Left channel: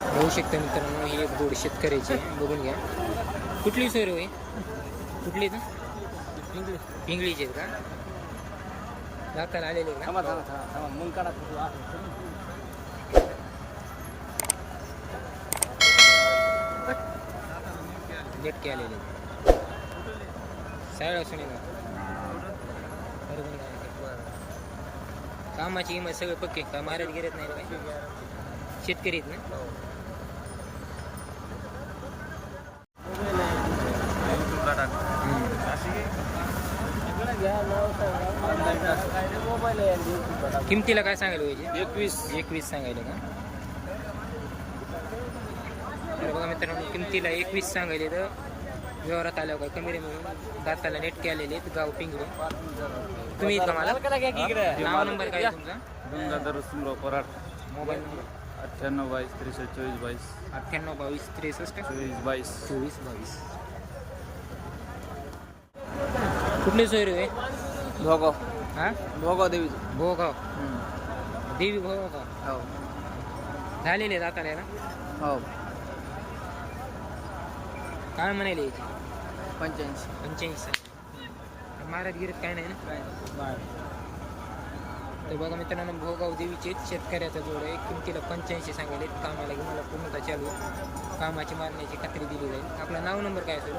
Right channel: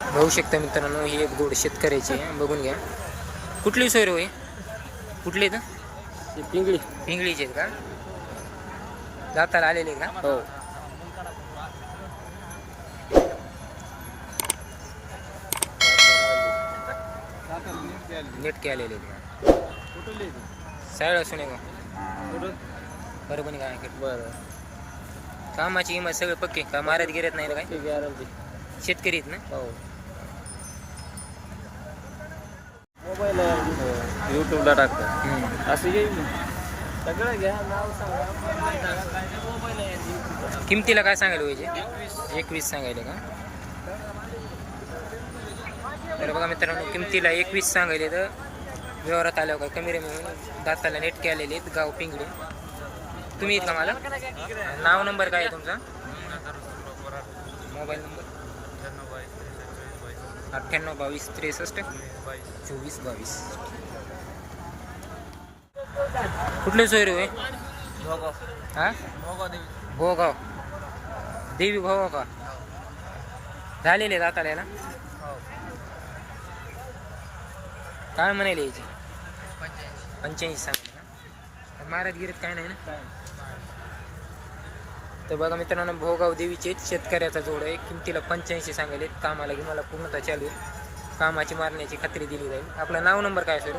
बघू शकता मित्रांनो ही एक जोड शेतकऱ्याची आहे. बघून घ्या. कुठली सोय होय कुठली इथं पिंगळी पिंगळीचे आहेत का? दाताला आलेले का? नेटके आलेले सायळ असून आहे बरोबर काय कामाची किंमत सगळे पक्के का? मारत गिरत नाही ना काय? शेतकरी आहेत ना मोबाईल युट्यूबला टाकतो हम्म. असं किमतीला काय सांगायला पाहिजे? एकवीस. एकवीस सांगायले का? तर बघा मित्रांनो किमतीला एकवीस सांगायले तर व्यवहारात आल्यावर काय कमी रमी म्हणून दाताला नेटके आलेले आहेत गाव पिंगळी. तुम्ही येत का मला नाव नंबर काय आहे तुमचा? Mobile number? अठ्ठ्याण्णव बावीस त्रेसष्ट चोवीस बावीस. अठ्ठ्याण्णव बावीस त्रेसष्ट चोवीस बावीस. चोवीस बावीस. कुठले सोयरे होय? भोगाव. हा? भोगाव देवी. भोगाव. देवी भाऊ का? हो. झालेले दाताला ना हो. काय म्हणाले याची? पंच्याऐंशी. पंच्याऐंशी सांगितलं महाराज गिरत काय नाही ना? काय तर बघा मित्रांनो भोगाव देवीचे शेतकऱ्याचा जोड आहे. किमतीला पंच्याऐंशी सांगायले. कामाला की मला पूर्णतः चालू आहे. कामाची मारण्याची खात्री दिली जाईल. आपलं नाव नंबर काय सर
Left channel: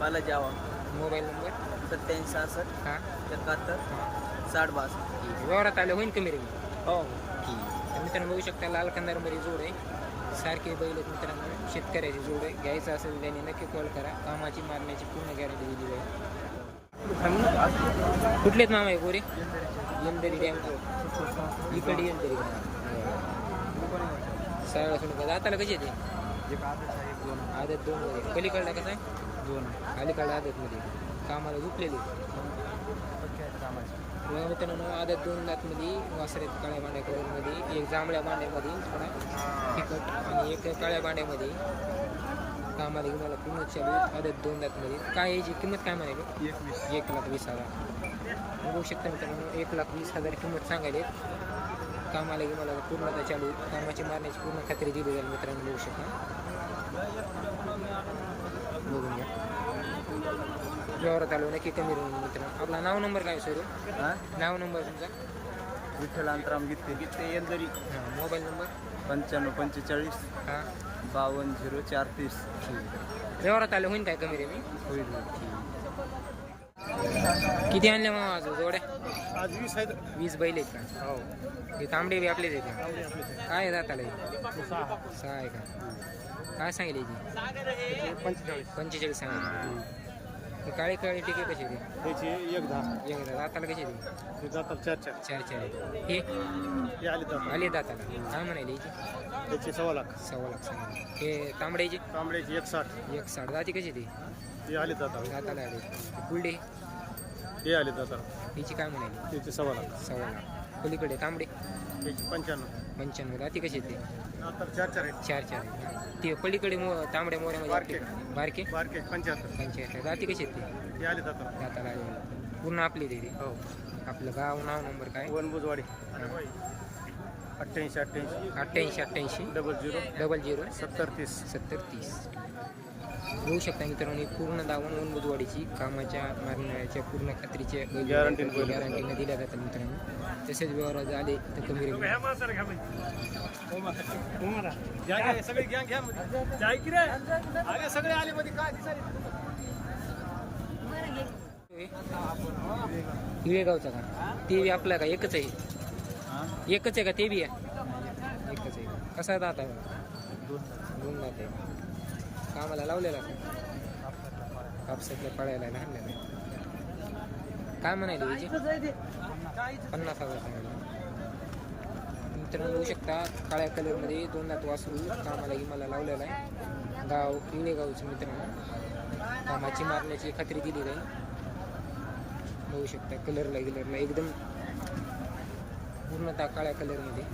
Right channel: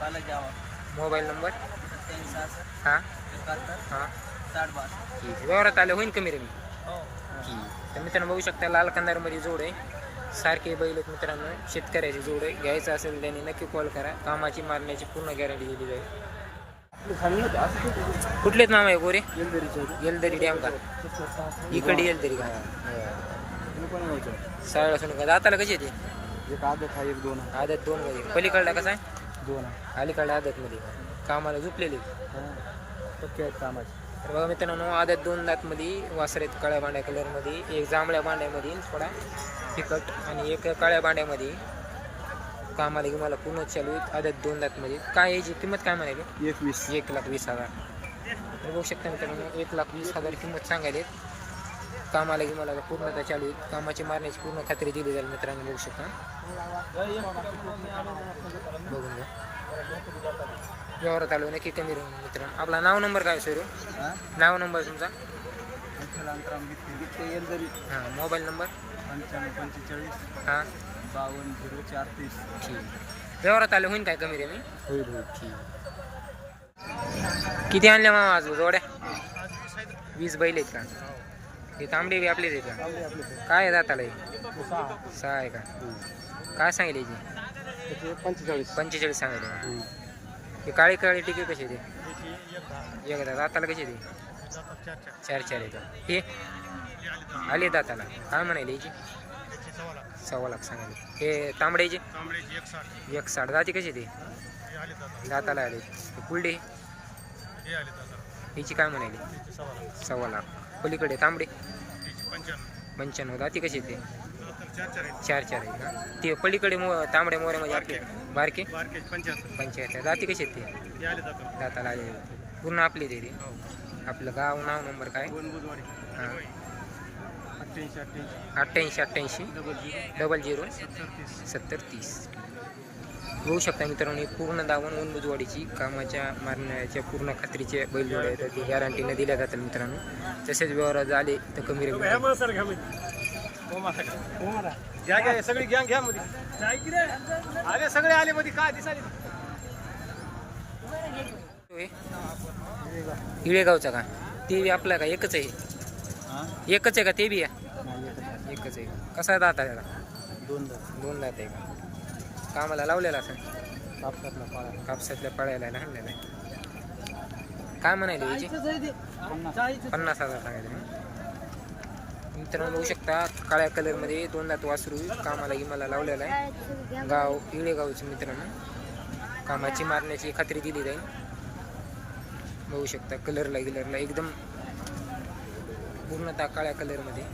बालाजी आवा मोबाईल नंबर? सत्याऐंशी सहासष्ट. हां. एकाहत्तर. हां. साठ बास ठीक आहे. व्यवहारात आलं होईन कमी रमी हो. ठीक तर मित्रांनो बघू शकता लाल कंदारमध्ये जोड आहे. सारखे बैल आहेत मित्रांनो. शेतकऱ्याची जोड आहे. घ्यायचं असेल त्याने नक्की कॉल करा. कामाची मारण्याची पूर्ण गॅरंटी दिली जाईल. कुठलेच नाव आहे गोरे? येलदरी डॅम का? इकडे येलदरी का? सरळ असून का दाताला कशी येते एक आदत आहे एक दोन. आदत दोन मध्ये. पलीकडला कसा आहे? दोन. आदत मध्ये का कामाला झुपलेली तर बघा मित्रांनो आदत दोन दात मध्ये वासर आहेत काळ्या बांड्या कलरमध्ये एक जांभळ्या बांड्यामध्ये थोडा फिकट आणि एक काळ्या बांड्यामध्ये कामाला की मला पूर्ण चालू आहेत. आदत दोन दात मध्ये काय याची किंमत काय म्हणाली? एकवीस. एक लाख वीस हजार. तर बघू शकता मित्रांनो एक लाख वीस हजार किंमत सांगायले कामाला की मला पूर्णतः चालू आहेत. कामाची मारण्याची पूर्ण खात्री दिली जाईल मित्रांनो बघू शकता. बघून घ्या. व्यवहारात आलो नक्की कमी राहून मित्रांनो. आपला नाव नंबर काय सर? हा? नाव नंबर तुमचा? विठ्ठल. अंतराम बित्ते येलदरी हां मोबाईल नंबर? पंच्याण्णव पंचेचाळीस. हां. बावन्न झिरो चार तीस. व्यवहारात आलं होईन काय कमी रे मी? होईल होईल. किती आणल्या मामा आज जोड्या? आज वीस बैल आहेत का? हे. तांबडे बी आपलेच आहेत का? काय आहे दाताला हे? सहा आहे का? काय सांगितले याची? पंचेचाळीस. पंचेचाळीस सांगितले. हे काळी काळी टिके कशी ते? त्याची एक दहा. दाताला कशी ते? हे जातात चार चार. चार चार येतात हे? हे आले दहा. आले दाताला. काय म्हणाले याची? त्याचे सव्वा लाख. सव्वा लाख सांगितले. हे तांबड्याचे तांबड्याची एक साठ एक साठ दाती कशी ते? हे? आले जातात दाताला आले. हे पुलडे हे आले जातात हिची काय म्हणाली? त्याचे सव्वा लाख. सव्वा लाख. पलीकडे तांबडे? त्याची पंच्याण्णव. पंच्याण्णव. दाती कशी ते? चार चार आहे ते पलीकडे मो तांबड्या मोऱ्यामध्ये आपले बारके? पंचायत दाती कशी आहेत ते? हे दाताला आले. पूर्ण आपले ते ते. आपलं गाव नाव नंबर काय? हां. अठ्ठ्याऐंशी अठ्ठ्याऐंशी. अठ्ठ्याऐंशी अठ्ठ्याऐंशी. Double zero. Double zero. सत्तर तीस. सत्तर तीस. बघू शकता मित्रांनो ही पूर्ण दावण वन बुजवाडीची कामाच्या मारण्याच्या पूर्ण खात्रीचे ते गॅरंटीने दिल्या जातात मित्रांनो. तसेच व्यवहार झाले तर कमी रेट घ्या घ्या घ्या घ्या मध्ये रे सगळे आले मध्ये काय इळेगावचा का? ते बी आपला का? एकच आहे. एकच आहे का? ते बी आहे? एकच आहे का? कसा दात आहे त्याला? दोन दोन दात आहे का? कामाला लावलेला असं कापसातल्या पळायला आणलेला आहे. काय म्हणायला याची पन्नास हजार सांगायला मित्रांनो बघू शकता काळ्या कलरमध्ये दोन दात वासरू कामाला इमाला मला लावलेला आहे. गाव इळेगावचं मित्रांनो. कामाची मारण्याची खात्री दिली जाईल बघू शकता कलरला गिलरला एकदम पूर्णतः काळ्या कलरमध्ये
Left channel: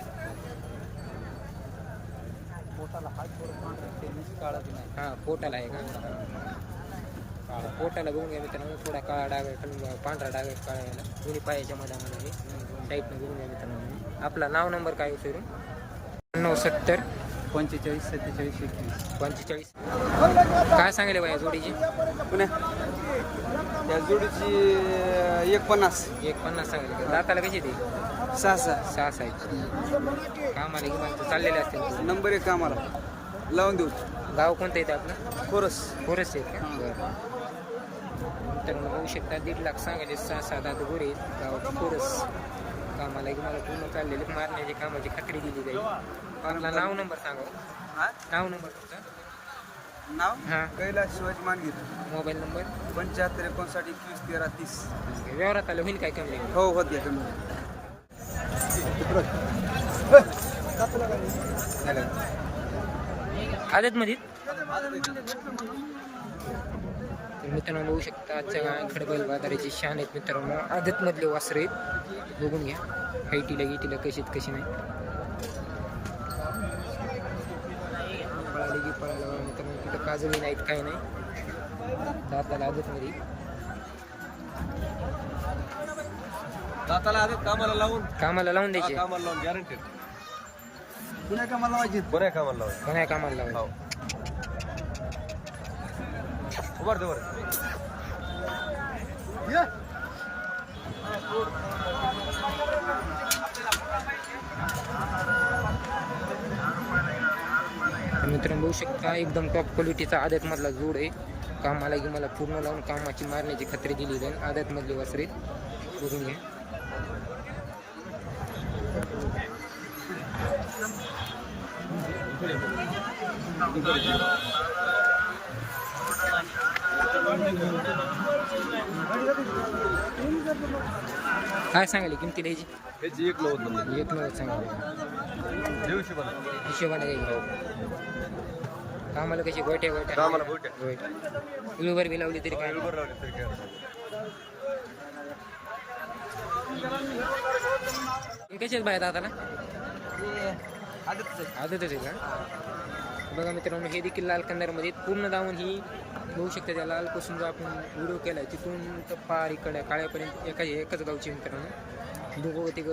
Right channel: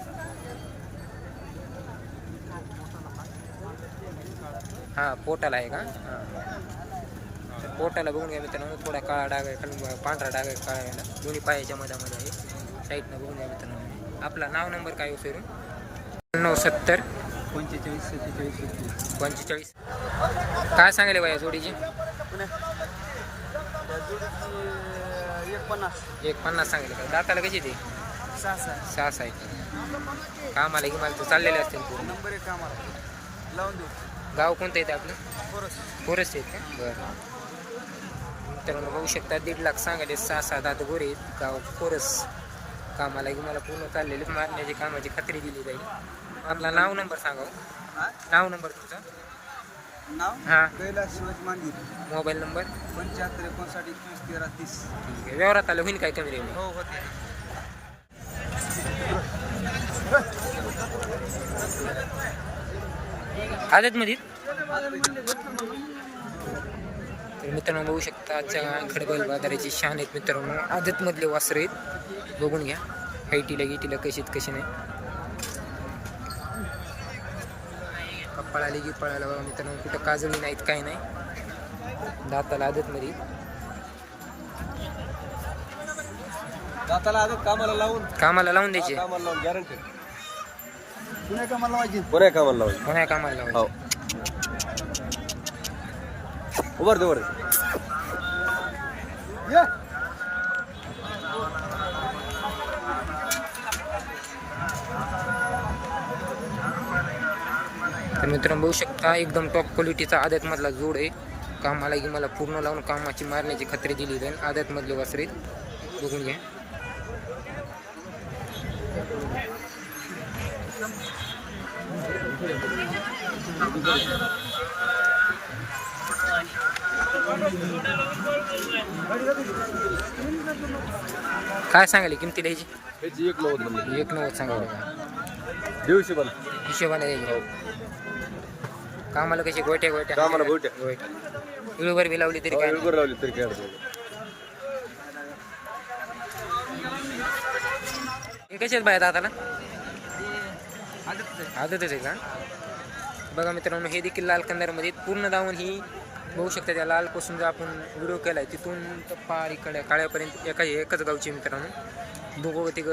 हां पोटाला आहे का? हां. तर पोटाला बघून घ्या मित्रांनो थोडा काळा डाग आहे खालून पांढरा डाग आहे काळा याला. दोन्ही पायाच्या मधामध्ये आहे. साईडनं बघून घ्या मित्रांनो. आपला नाव नंबर काय फिरून नऊ सत्तर. पंचेचाळीस सत्तेचाळीस पंचेचाळीस. काय सांगायले बाया जोडीची? त्या जोडीची एक पन्नास एक पन्नास सांगायले का दाताला कशी ते? सहा सहा. सहा सहा आहेत कामाला गिमाला तर चाललेले असतील पूर्ण. नंबर एक कामाला. लावून देऊ. गाव कोणतं येतं आपलं? कोरस. पोरस आहेत का? बरं. मित्रांनो बघू शकता दीड लाख सांगायले सहा सात आठ गोरे. गाव पोरस कामाला की मला पूर्ण चाललेले मारण्याची कामाची खात्री दिली जाईल. आपला नाव नंबर सांगा हो. नाव नंबर तुमचा? नाव? हां. Kailas Shivaji Mangir mobile number? पंच्याहत्तर एकोणसाठ एकवीस तेरा तीस. आहे. व्यवहारात आलं होईल काय कमी रेंज हो होते तुम्ही आदतमध्ये तर मित्रांनो बघू शकता आजच्या खडबल बाजाराची शान आहेत मित्रांनो. आदतमधले वासर आहेत. बघून घ्या. हाईटीला गिटीला कशीत कशी नाही. पळाली की पळायला बघा मित्रांनो कुठं काजळी नाहीत काही नाही. दाताला आदतमध्ये दाताला आदत कामाला लावून. कामाला लावून द्यायचे. कामाला लावून गॅरंटी बरं आहे कामाला लावून कोणा कामाला लावायचे. उभर दे उभर तर मित्रांनो बघू शकता एकदम टॉप क्वालिटीचा आदतमधला जोड आहे. कामाला की मला पूर्ण लावून कामाची मारण्याची खात्री दिली जाईल आदतमधले वासरे बघून घ्या. काय सांगायले किमतीला ह्याची ह्याची एक नव्वद एक नव्वद सांगायले का? पण. हिशोबाने द्यायचे कामाला कशी गोट्या गोट्या? कामाला गोट्या. गोट्या इळूवर बी लावली तरी काय नाही. बरोबर लावली तरी काय अडचण नाही. हे कसे आहेत बाया दाताला आदतच आहे. का? बघा मित्रांनो हे देखील लाल कंदारमध्ये पूर्ण दावून ही बघू शकता त्या लालपासून जो आपण व्हिडिओ केलाय तिथून तर पार इकडे काळ्यापर्यंत एका एकच गावचे मित्रांनो. दोघं तिघ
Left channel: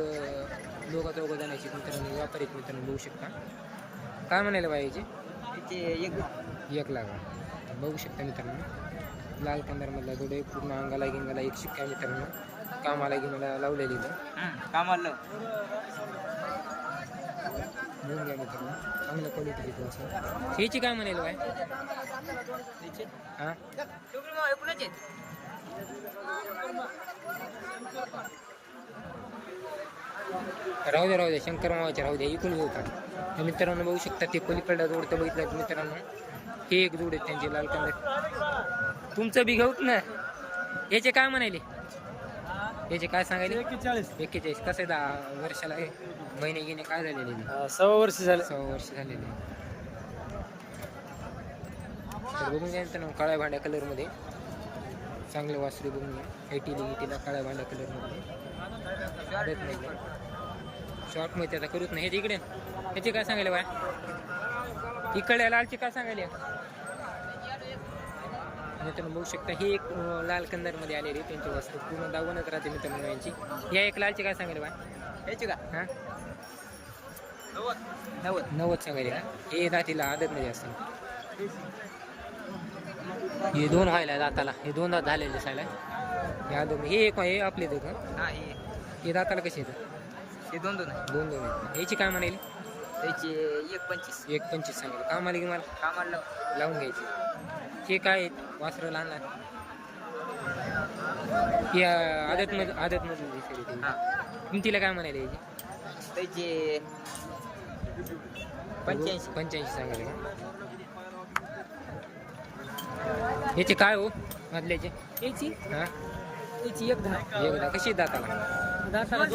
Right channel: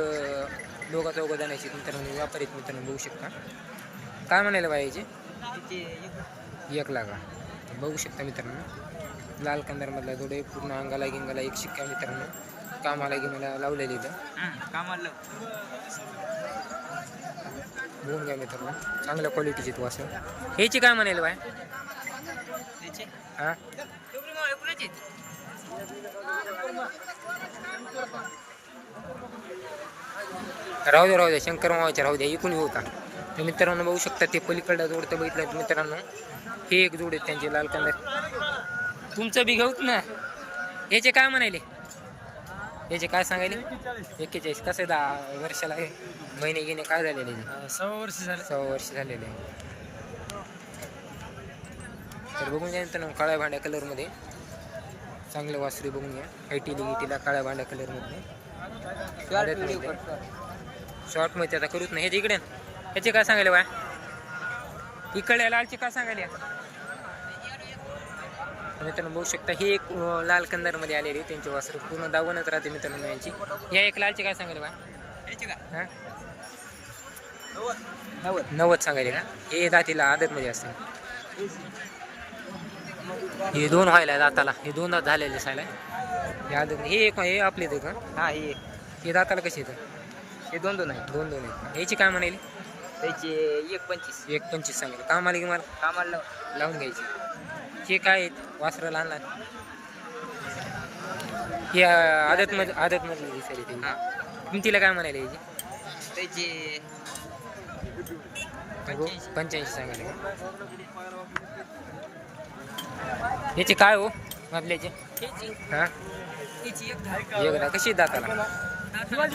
दोघा चौघं जाण्याचे मित्रांनो व्यापारी मित्रांनो बघू शकता. काय म्हणायला बाया याचे एक लागा बघू शकता मित्रांनो. लाल कंदारमधला दोडे पूर्ण अंगाला गिंगाला एक शिक्का मित्रांनो. कामाला गिमाला लावलेली इथं. घेऊन घ्या मित्रांनो. चांगल्या क्वालिटीची तू असं. ह्याची काय म्हणाल बाय? राहू द्या राहू द्या शंकर मावाच्या राहू द्या इकून येऊ का? तर मित्रांनो बघू शकता ते पलीकडला जोडतं बघितलं तर मित्रांनो हे एक जोड आहेत त्यांचे लाल कंदर तुमचं बी घेऊत ना? याचे काय म्हणाले याचे काय सांगायले? एक्केचाळीस. कसं आहे दहा वर्षाला महिने घेणे काय झालेले सव्वा वर्ष झालं. सव्वा वर्ष झालेले. आहे. तर बघून घ्या मित्रांनो काळ्या भांड्या कलरमध्ये चांगलं वासरी बघून घ्या. ऐटीली गिटीला काळ्या भांड्या कलरमध्ये आडतमध्ये शॉर्टमध्ये आता करूच नाही. ह्याच्या इकडे. ह्याचे काय सांगायले बा इकडे लालचे काय सांगायले? मित्रांनो बघू शकता ही एक लाल कंदारमध्ये आलेली. त्यांचे वासर पूर्ण दावणच राहते मित्रांनो यांची. या एक लालचे काय सांगायले बा हा? नव्वद. सांगायले का? हे दातीला आदतमध्ये असते हे दोन व्हायला दाताला. हे दोन दात झालेले सायला. हे आदत हे एक हे आपले का हा हे हे दाताला कसे येतं हे दोन दोन आहे. दोन दोन आहेत. याची काय म्हणाली? त्याचे एक पंचवीस. एक पंचवीस सांगायला कामाला की मला? कामाला लावून घ्यायची. हे काय आहेत? वासरं लहान लहान हे आदतमध्ये आदतमधली दिसायली ते. किमतीला काय म्हणाले याची त्याचे पंच्याऐंशी. पंच्याऐंशी सांगायला का? याचे काय हो? मधल्याचे? हा? एक दहा. कशी दाताला? दाताला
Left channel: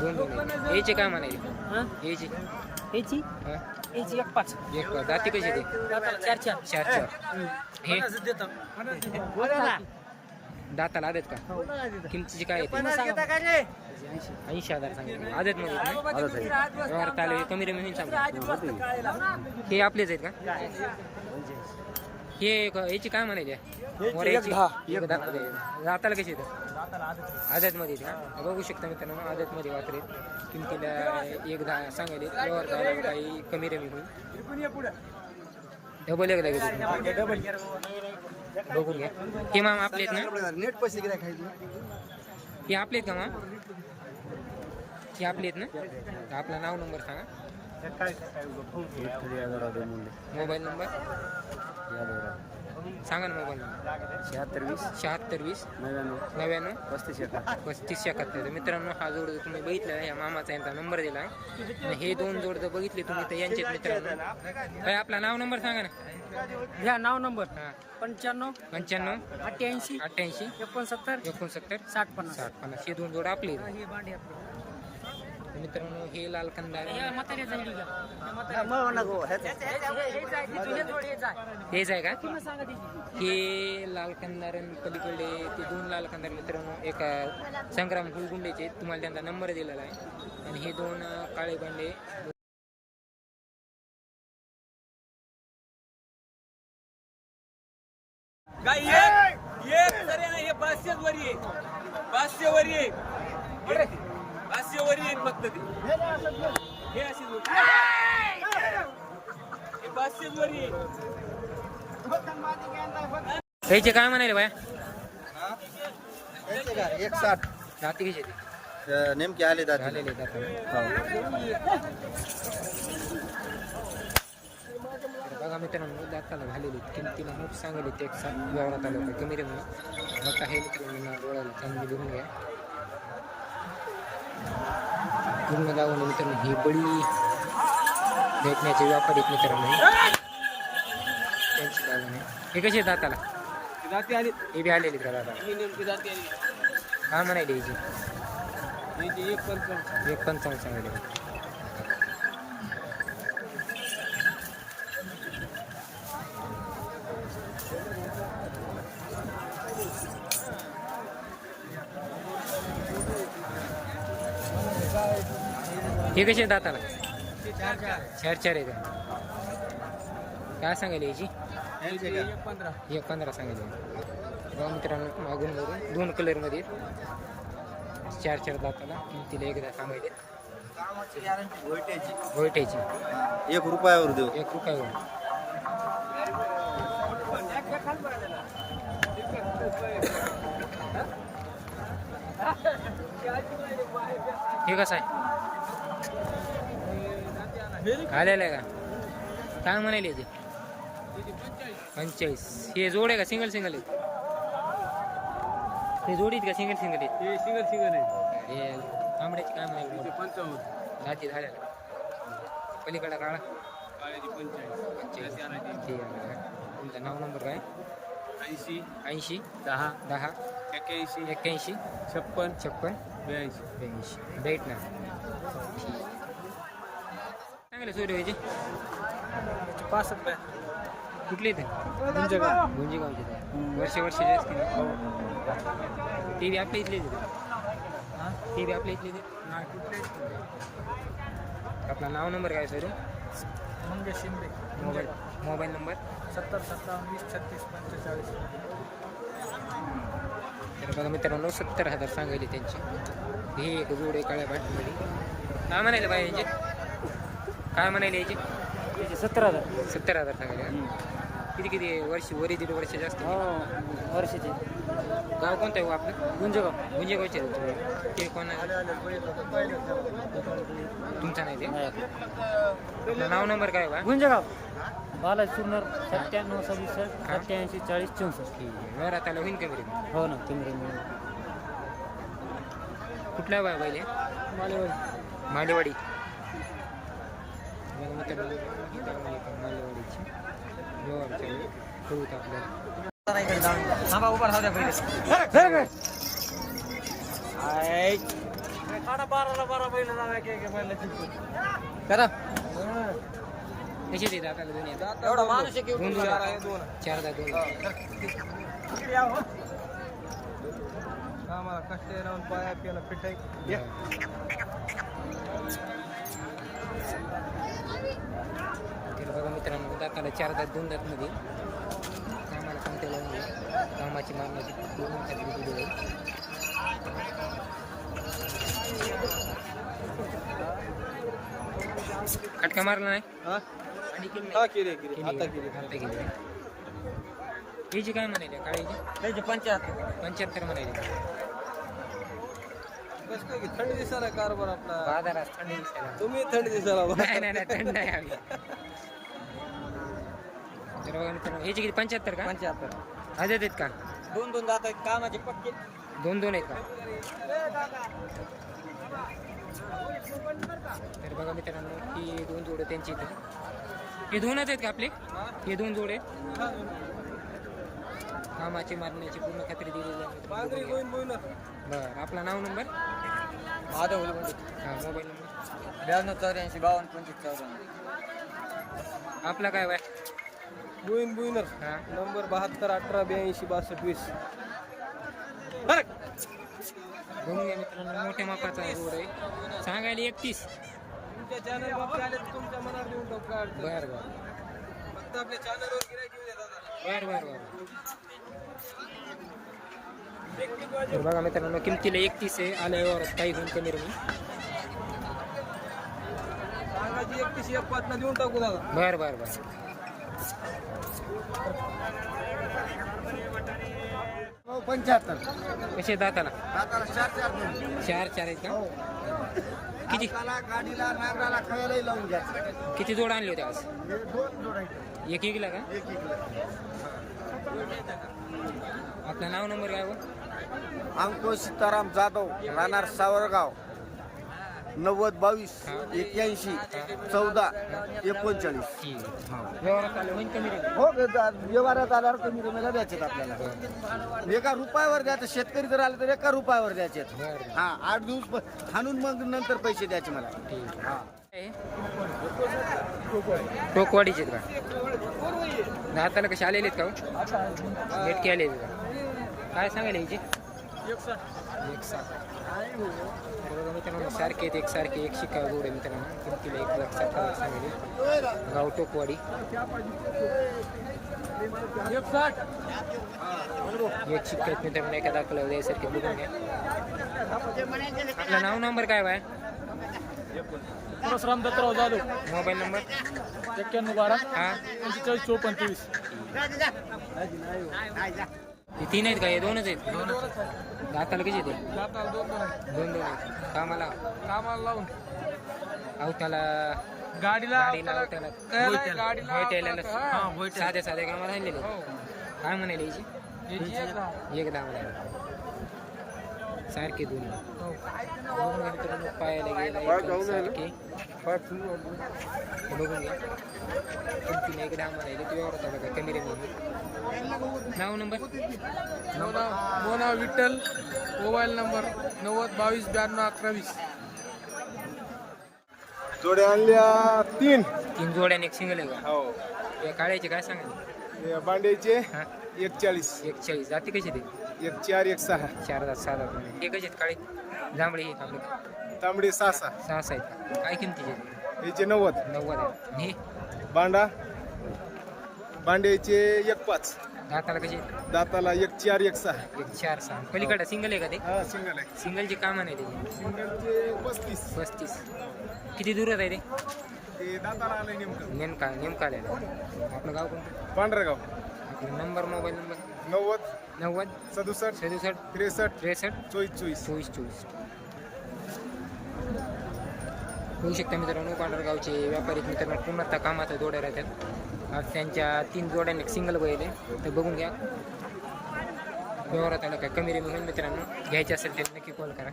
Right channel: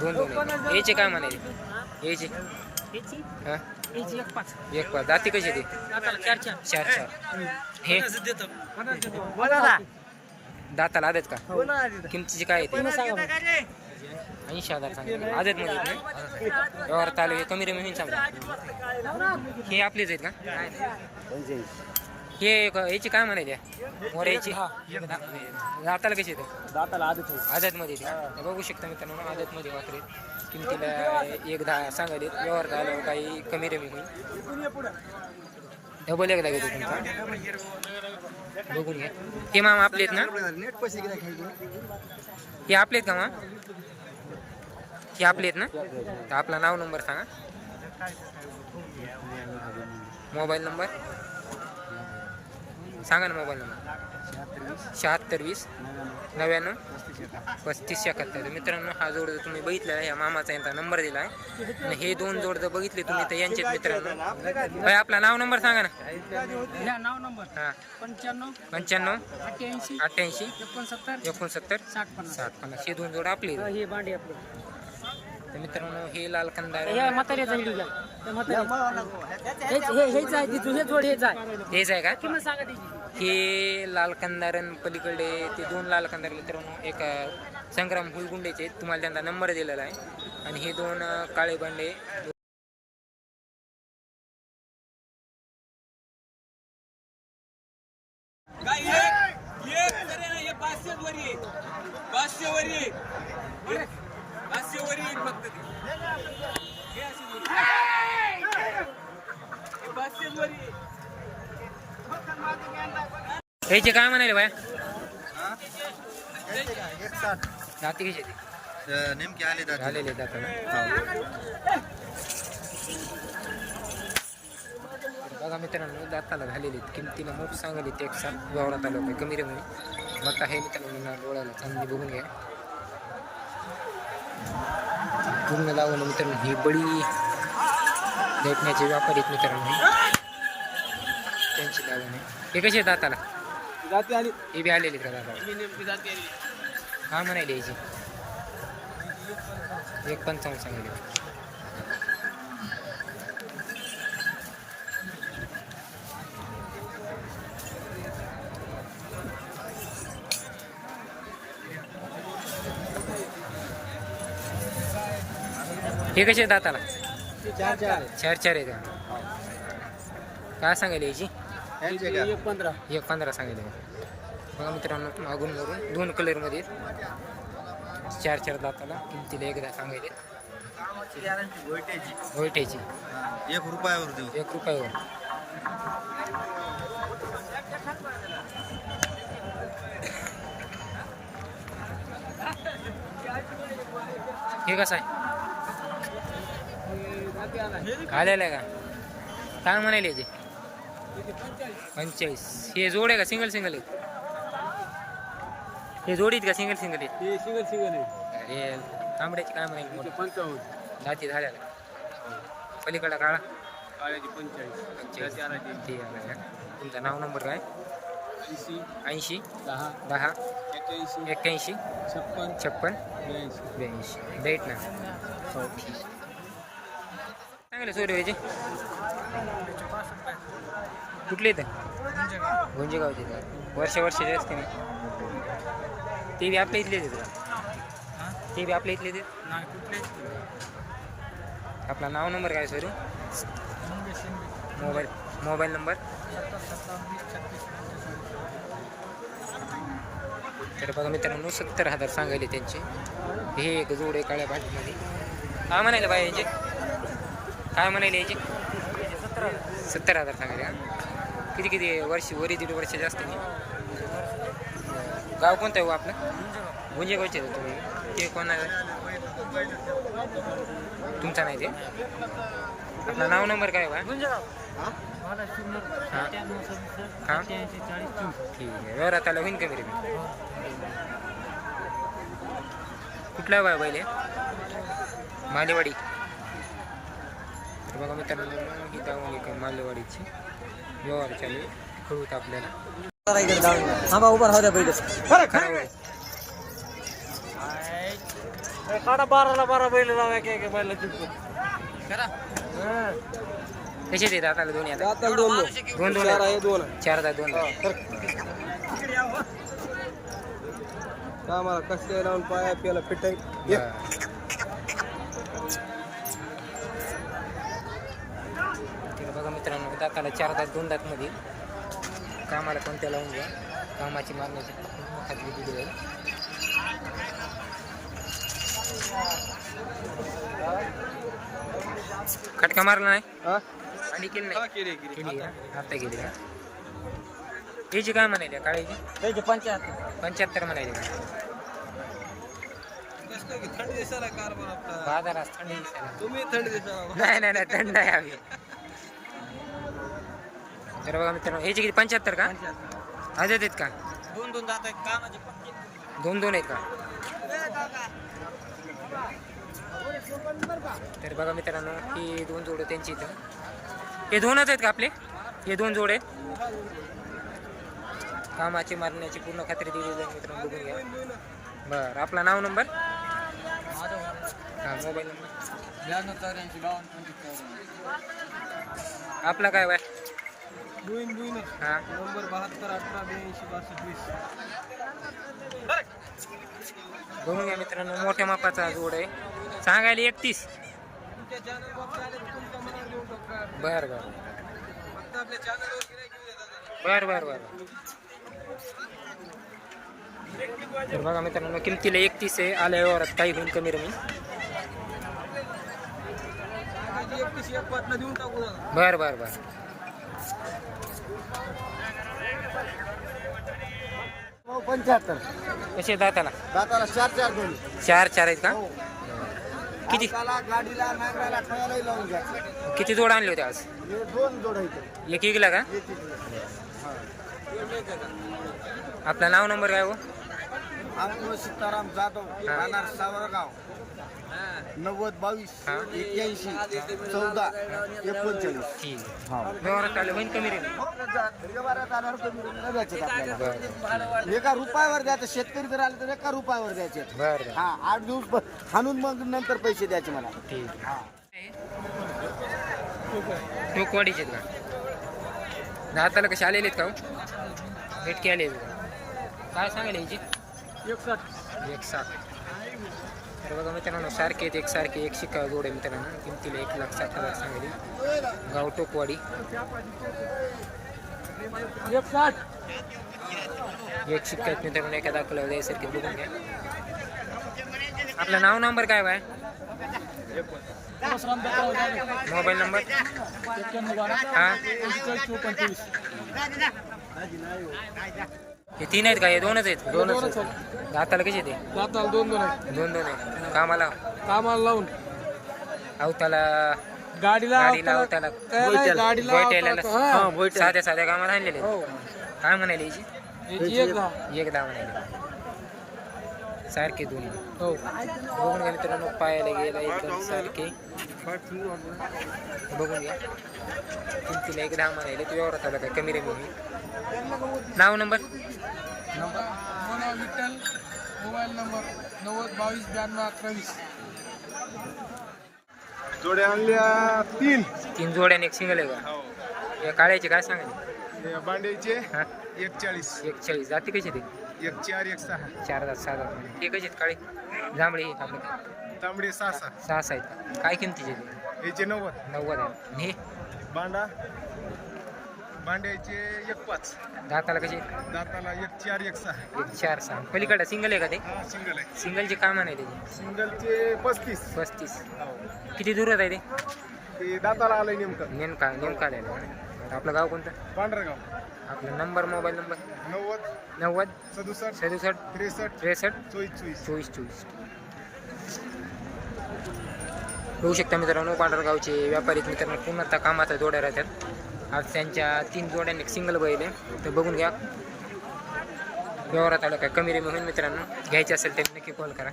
दोन दोन. याचे काय म्हणाले? याचे? हा? एक पाच. एक पाच. दाती कशी ते? दाताला चार चार. चार चार. हे? दाताला आदत का? किमतीची काय येते ऐंशी हजार सांगितले. आदत मध्ये आहेत ना? व्यवहार आले कमी रमी होईल समजा हे आपलेच आहेत का? हे एक- याची काय म्हणायची? मोऱ्याची एक दहा. जाताला कशी येतं? दाताला आदत आझादमध्ये येते. बघू शकता मित्रांनो आझादमध्ये वापरेल किमतीला एक दहा सांगायले व्यवहार झाल्यावर काही कमी रमी होईल. डबल एक लागेल तुमचा बघून घ्या. ते मामा आपले आहेत ना? नेट पैसे किती खायचं? हे आपले आहेत का मा हे आपले आहेत ना? तर आपला नाव नंबर सांगा. Mobile number? सांगा ना मोबाईल नंबर. शहात्तर वीस. शहात्तर वीस. नव्याण्णव. नव्याण्णव. पस्तीस एकाहत्तर पस्तीस एकाहत्तर. तर मित्रांनो हा जोड जर तुम्ही बघितला या मामाचा यांचा नंबर दिला आहे. आणि हे दोन जोड जर बघितले तुम्ही तर यांचेच मित्रांनो. भाई आपला नाव नंबर सांगा ना. ह्या नाव नंबर. हा. पंच्याण्णव. पंच्याण्णव. अठ्ठ्याऐंशी. अठ्ठ्याऐंशी. एकोणसत्तर. एकोणसत्तर. साठ पन्नास. सात पन्नास. हे दोन जोड आपले. हे भांडी आपलं. तर मित्रांनो हे लाल कंदार. हेच हे- आहे. हे का? हे लाल कंदारन पलीकडे ते दोन लाल कंदार मित्रांनो एक संग्राम हुलगुंडेचे आहेत. तुम्हाला त्यांचा नंबर दिलेला आहे. आणि हे दोन काळे बांडे. हे पाचशेच वरी आहे. पाचशे वरी आहे. पाचशे वरी आहे फक्त ते. हे ह्याचे काय म्हणाले बाया? एक साठ. जाती घ्यायचे ते. नेमके आले झालेले जाताना. बघा मित्रांनो दाताला झालेले आहेत. किमतीला मोठ सांगले ते एक साथ व्यवहारात आलं काही कमी रे म्हणे. मग आहे मित्रांनो ना डोळ्याला चांगली बघून घ्या. पूर्ण लावून मित्रांनो ही बडी देखण्याचे व्यापारी आहेत मित्रांनो हे. त्यांची लावून आहे. हे कसे दाताला? जाते आली. हे बी आलेले का दाताला? ही नेमकी जाते आली. काय म्हणायले याची याची एक एक पंचावन्न सांगायले हे कसे दाताला? चार चार आहेत. का काय सांगायले याची एक पंधरा सांगितले बघा मित्रांनो मागून वरून दोन कलरमध्ये. चार चार दाताला किमतीला एकदा सांगायले. गोयट्याची एक रुपयावर देऊ. एक रुपयावर. हे कसं आहे? आलेलं आहे का? काय म्हणाले याचे पंचेचाळीस. हे जोड आहे का? सिंगल सिंगल आहेत हे जोडीत का? सिंगल सिंगल आहेत हे सिंगल सिंगल आहे. हे तांबड्याची काय म्हणाले मोठी? पंचावन्न. दाती झालेला आहे. पलीकडा काळा आहे तुमचं नाव नंबर काय? ऐंशी. ऐंशी. दहा. दहा. एक्क्याऐंशी. एक्क्याऐंशी. छप्पन. छप्पन. ब्याऐंशी. ब्याऐंशी. डेट ना? चांगले सोयरे कुठले इथं? गुंजेगावचे वर्ष वर्षाचे असते नाही? ते बी आपल्या इथलेच आहेत. ते बी आपल्या इथलेच आहेत? नाही कुठले आपला नाव नंबर काय sir Mangesh Shinde. Mobile mobile number? सत्तर सत्तावन्न छत्तीस पंचेचाळीस. तर बघा मित्रांनो सत्तर हजार सांगायले त्यांचे. हे एक जोड आहे काळ्या पाठीमध्ये काय बाय यांचे काय म्हणाले याचे? सत्तर हजार. सत्तर हजार सांगायले का किती किती वर्ष वरी दीड वर्ष जास्त. वर्षाचे गाव कोणतं आहे हो आपलं? गुंजेगाव गुंजेगावचे आहे तुम्ही. ते कोण आहे? तुमचा नाही ते? आपलं नाव नंबर काय बा? गुंजेगाव बालाजी सुरनर सत्त्याण्णव सव्वीस हा. सत्याऐंशी चाळीस चौसष्ट. ठीक आहे. व्यवहारात आला होईन कमी रे हो ना कुठला बा? मालेवाडी. तर बघा मित्रांनो ही दावण मालेवाडीची व्यवहार चालू. कळूत आपल्याला. थांबा उभा राहू द्या पहिले. काढा बाराला बारा बैल लावा एक एक बैल करा. कसे देतात आता दोन्ही आता? एवढा माणूस एक दोन दोन. चार दहा दोन दहा कसल्या लावून पाया प्याला फिट आहे मित्रांनो दाताला चार दात दोन दात मध्ये. कामाला कोणत्या लावून घ्या? कामाची मारण्याची पूर्ण खात्री दिली जाईल खटका मारला नाही? आणि केली नाही? केली का? आता केली का? याची काय म्हणायची काळाची त्याचे पंच्याहत्तर. पंच्याहत्तर म्हणायची का? थंड दिसायला कारभार आपला. बाजारात थंडी दिसायला तुम्ही थंड दिसायला नाही नाही नाही थंड आहे आम्ही. तर बघा मित्रांनो ह्याची किती पंच्याहत्तर का? पंच्याहत्तर. आज आहेत का? दोन दोन जात आहेत कामाचे पक्के. दोन दोन आहेत का? तर बघा मित्रांनो ही दोन जोड त्यांची इथं. हे दोनच आहेत का आपले? हे दोन जोड आहेत? कामाची मारण्याची पूर्ण खात्री दिलेली आहे मित्रांनो बघून घ्या. बरं आपला नाव नंबर? माझा हां मोबाईल नंबर. ब्याण्णव चौऱ्याऐंशी बावन्न पंचवीस चौऱ्याण्णव. आपला काय वय बुईन बुईनर हां. नंबर बहात्तर अठरा ब्याऐंशी बासष्ट वीस. बघून घ्या मित्रांनो मोठ्या मापाचा जोड आहे. सांगायला एकतीस. बरं बरं. बर बर बर. तर बघा मित्रांनो किमतीला एकतीस आहे. आल्या व्यवहारात काही होईल कमी रमी. नका बर बर. बर पंच्याहत्तर. कसे दाताला? दाताला चार चार दोन. चार चार आहेत का हो. किती? हाताला, गाडीला नांगराला खायलाही लावून घ्या. किती जोड आणले होते आज? हे दोन जोड आहेत. एक एकला का? एक एक आपलं नाव नंबर काय हो? अंकुश सीताराम जाधव राहणार सावरगाव. नव्वद बावीस. एक्क्याऐंशी चौदा एकोणचाळीस. हा. व्यवहारात आलं कमी रमी हो व्यवहारात आल्यावर कमी रमेला द्यायचे आपल्याला. एका रुपयावर द्यायचं शेतकरी जर आले तर एका रुपयावर द्यायचे बर हा आठ दिवस हाणून मग नंतर पैसे द्यायचे मला. ठीक. हा. आहे टोकवाडीचे आहेत का? दाताला कसे आलेले आहेत का हो? भेटके आले आहेत का? काय सांगायला याची एक साठ तर बघा मित्रांनो सारखे आहेत एक सारखे एक शिक्का जोड आहे मित्रांनो. किमतीला एक लाख साठ हजार सांगेल. गाव टोकवाडी. एक शिक्का आहेत मित्रांनो एका दाखवला द्यायसारखे बघून घ्या. आपलं नाव नंबर काय बाय? परशुराम दत्तराव जाधव. Mobile number? एक्क्याण्णव बारा. हा. चोपन्न तेवीस. हे तीन आहेत का? हे दोनच आहेत? दोनच आहेत. दाताला कसे ते? जाताला दोन दोन आहे दोन दोन आहेत. कामाला कामाला लावून. अवताला गाडीला गाडीला अवताला हा, साध्या साध्या कामाला आणलेले हो. काय म्हणाले एक दहा. एक दहा म्हणाले. सारखे दोन्ही. हो. बघून घ्या मित्रांनो पायाला गेला एकदम सारखे. बघून घ्या. किमतीला एक दहा म्हणाले ते व्यवहारात आला काय? कमी रेमी होईल नाव number? Number? Mona Vitthal mobile number नव्वद बावीस ब्याण्णव अकरा वीस जोड्या आणल्या तीन. तीन जोड्याने एक सिंगल आहे का? हो. या काळ्याचे काय सांगायचे? बांड्याचे. हा. एक चाळीस एक चाळीस जाती कशी ते एक चार एक सहा. चार हजार सहा हजार ते कसे आहेत? काळे जांभळे आहेत आपले तांबडे सहा सहा. सहा सहा आहेत. का काय किमतीचे ते याचे? नव्वद. नव्वद आहे आणि हे? बांडा बांड्याचे एक पाच दाताला कसे दाताला एक चार एक सहा. एक चार सहा. पलीकडे सिंगल आहे का ते? हा सिंगल आहे. सिंगलचे काय म्हणायचे ते सिंगलचे पस्तीस. पस्तीस. किती दूरात आहे ते? ते दाताला आलंय नेमकं. नेमका नेमका आलेला आहे. आपलं गाव कोणतं? पांढरगाव. आपला नंबर मोबाईल नंबर? नव्वद नव्वद सदुसष्ट सदुसष्ट त्रेसष्ट त्रेसष्ट चोवीस चोवीस. चोवीस चोवीस. होऊ शकता मित्रांनो पांढरगावचे व्यापारी मित्रांनो पूर्णतः कामाचा जोड्या राहतात. आज त्यांच्या तीन जोड्यांनी एक सिंगल बैल आहे. तर बघून घ्या. व्यवहारात आलं काय कमी रेमी होईल मित्रांनो. घ्यायचे असेल तर नक्की कॉल करा.